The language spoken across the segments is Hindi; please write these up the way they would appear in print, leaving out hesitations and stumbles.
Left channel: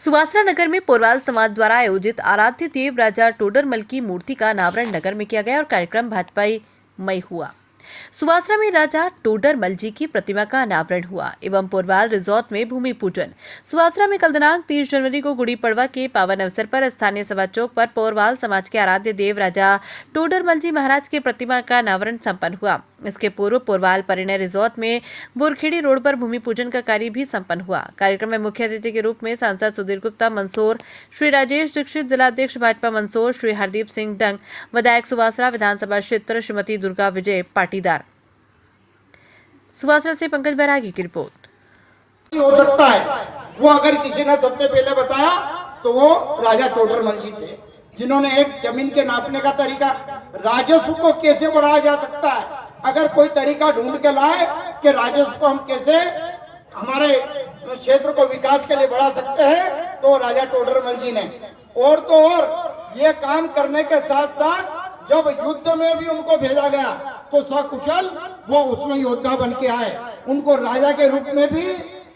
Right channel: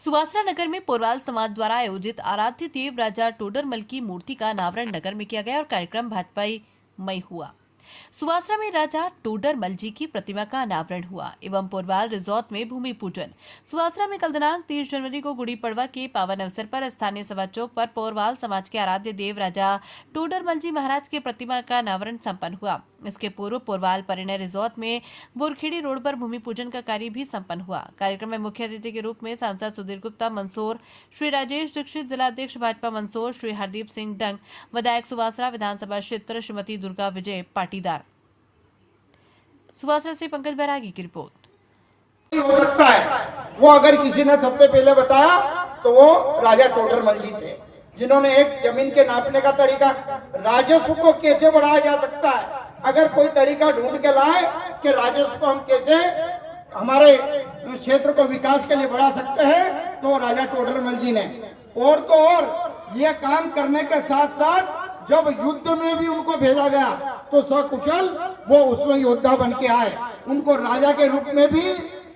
सुवासरा नगर में पोरवाल समाज द्वारा आयोजित आराध्य देव राजा टोडरमल की मूर्ति का अनावरण नगर में किया गया और कार्यक्रम भाजपाई मई हुआ। सुवासरा में राजा टोडरमल जी की प्रतिमा का अनावरण हुआ एवं पोरवाल रिजॉर्ट में भूमि पूजन। सुवासरा में कल दिनांक 30 जनवरी को गुड़ी पड़वा के पावन अवसर पर स्थानीय सभा चौक पर पोरवाल समाज के आराध्य देव राजा टोडरमल जी महाराज की प्रतिमा का अनावरण संपन्न हुआ। इसके पूर्व पोरवाल परिणय रिजॉर्ट में बोरखेड़ी रोड पर भूमि पूजन का कार्य भी संपन्न हुआ। कार्यक्रम में मुख्य अतिथि के रूप में सांसद सुधीर गुप्ता मंदसौर, श्री राजेश दीक्षित, जिलाध्यक्ष भाजपा मंदसौर श्री हरदीप सिंह डंग, विधायक सुवासरा विधानसभा क्षेत्र श्रीमती दुर्गा विजय पाटीदार। सुवासरा से पंकज बैरागी की रिपोर्ट। हो सकता है वो अगर किसी ने सबसे पहले बताया तो वो राजा टोडरमल जी थे, जिन्होंने एक जमीन के नापने का तरीका, राजस्व को कैसे बढ़ाया जा सकता है, अगर कोई तरीका ढूंढ के लाए कि राजस्व को हम कैसे हमारे क्षेत्र को विकास के लिए बढ़ा सकते हैं, तो राजा टोडरमल जी ने। और तो और ये काम करने के साथ साथ जब युद्ध में भी उनको भेजा गया तो सकुशल वो उसमें योद्धा बन के आए। उनको राजा के रूप में भी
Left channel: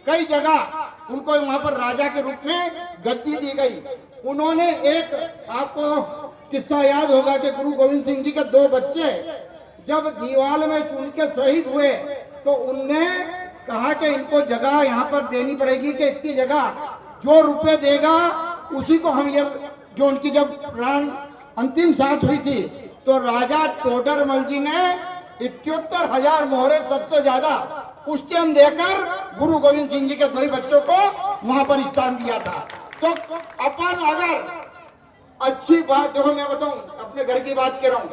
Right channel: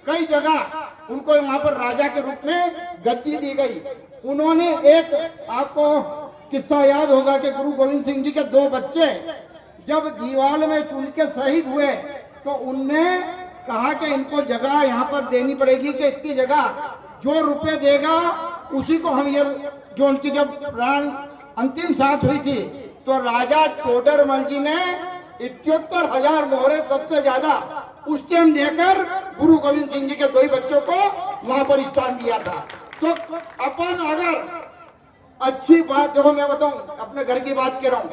कई जगह उनको वहां पर राजा के रूप में गद्दी दी गई। उन्होंने एक, आपको किस्सा याद होगा कि गुरु गोविंद सिंह जी के 2 बच्चे जब दीवाल में चुन के शहीद हुए तो उनने कहा कि इनको जगह यहाँ पर देनी पड़ेगी कि इतनी जगह जो रुपए देगा उसी को हम, ये जो उनकी जब प्राण अंतिम सांस हुई थी तो राजा टोडरमल जी ने 71,000 मोहरे सबसे ज्यादा उस टाइम देकर गुरु गोविंद सिंह जी के 2 बच्चों को वहां पर स्थान दिया था। तो अपन अगर अच्छी बात, देखो मैं बताऊं, अपने घर की बात कर रहा हूं,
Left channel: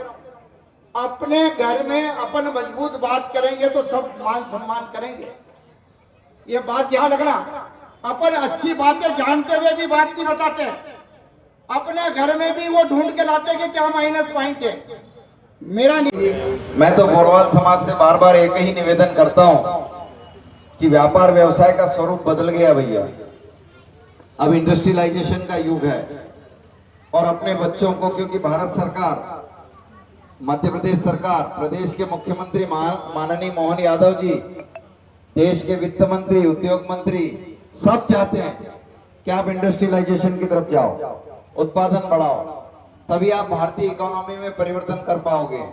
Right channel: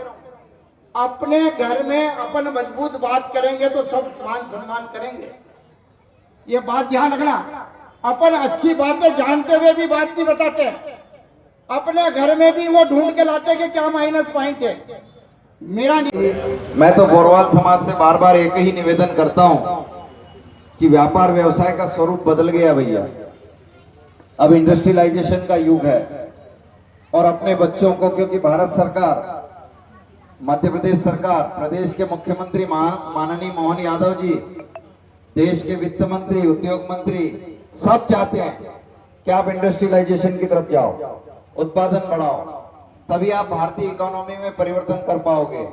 अपने घर में अपन मजबूत बात करेंगे तो सब मान सम्मान करेंगे। ये बात ध्यान रखना। अपन अच्छी बातें जानते हुए भी बात नहीं बताते, अपने घर में भी वो ढूंढ के लाते कि क्या माइनस पॉइंट है। मेरा मैं तो पोरवाल समाज से बार बार एक ही निवेदन करता हूं कि व्यापार व्यवसाय का स्वरूप बदल गया भैया। अब इंडस्ट्रियलाइजेशन का युग है और अपने बच्चों को, क्योंकि भारत सरकार, मध्य प्रदेश सरकार, प्रदेश के मुख्यमंत्री माननीय मोहन यादव जी, देश के वित्त मंत्री, उद्योग मंत्री सब चाहते हैं कि आप इंडस्ट्रियलाइजेशन की तरफ जाओ, उत्पादन बढ़ाओ, तभी आप भारतीय इकोनॉमी में परिवर्तन कर पाओगे।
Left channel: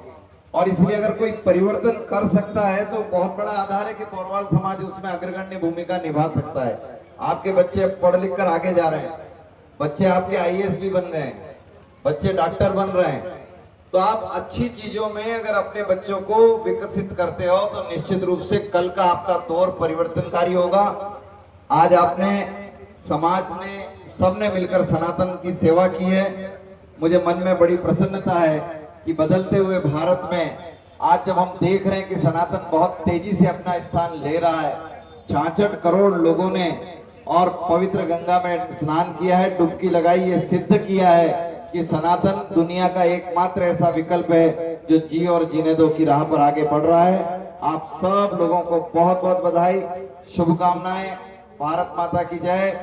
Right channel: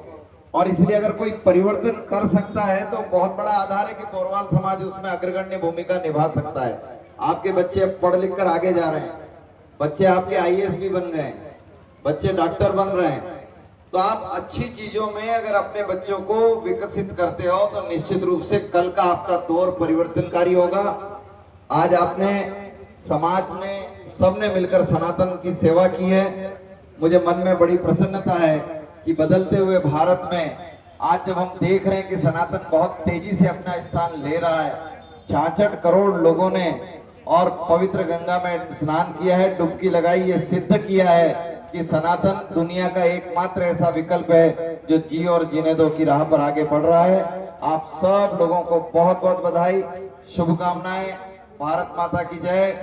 और इसलिए अगर कोई परिवर्तन कर सकता है तो बहुत बड़ा आधार है कि पोरवाल समाज उसमें अग्रगण्य भूमिका निभा सकता है। आपके बच्चे पढ़ लिख कर आगे जा रहे हैं, बच्चे आपके आईएएस भी बन गए, बच्चे डॉक्टर बन रहे हैं। तो आप अच्छी चीजों में अगर अपने बच्चों को विकसित करते हो तो निश्चित रूप से कल का आपका दौर परिवर्तनकारी होगा। आज आपने, समाज ने, सबने मिलकर सनातन की सेवा की है। मुझे मन में बड़ी प्रसन्नता है कि बदलते हुए भारत में आज जब हम देख रहे हैं कि सनातन बहुत तेजी से अपना स्थान ले रहा है, 66 करोड़ लोगों ने और पवित्र गंगा में स्नान किया है, डुबकी लगाई, ये सिद्ध किया है कि सनातन दुनिया का एकमात्र ऐसा विकल्प है जो जियो और जीने दो की राह पर आगे बढ़ रहा है। आप सब लोगों को बहुत बहुत बधाई, शुभकामनाएं। भारत माता की जय।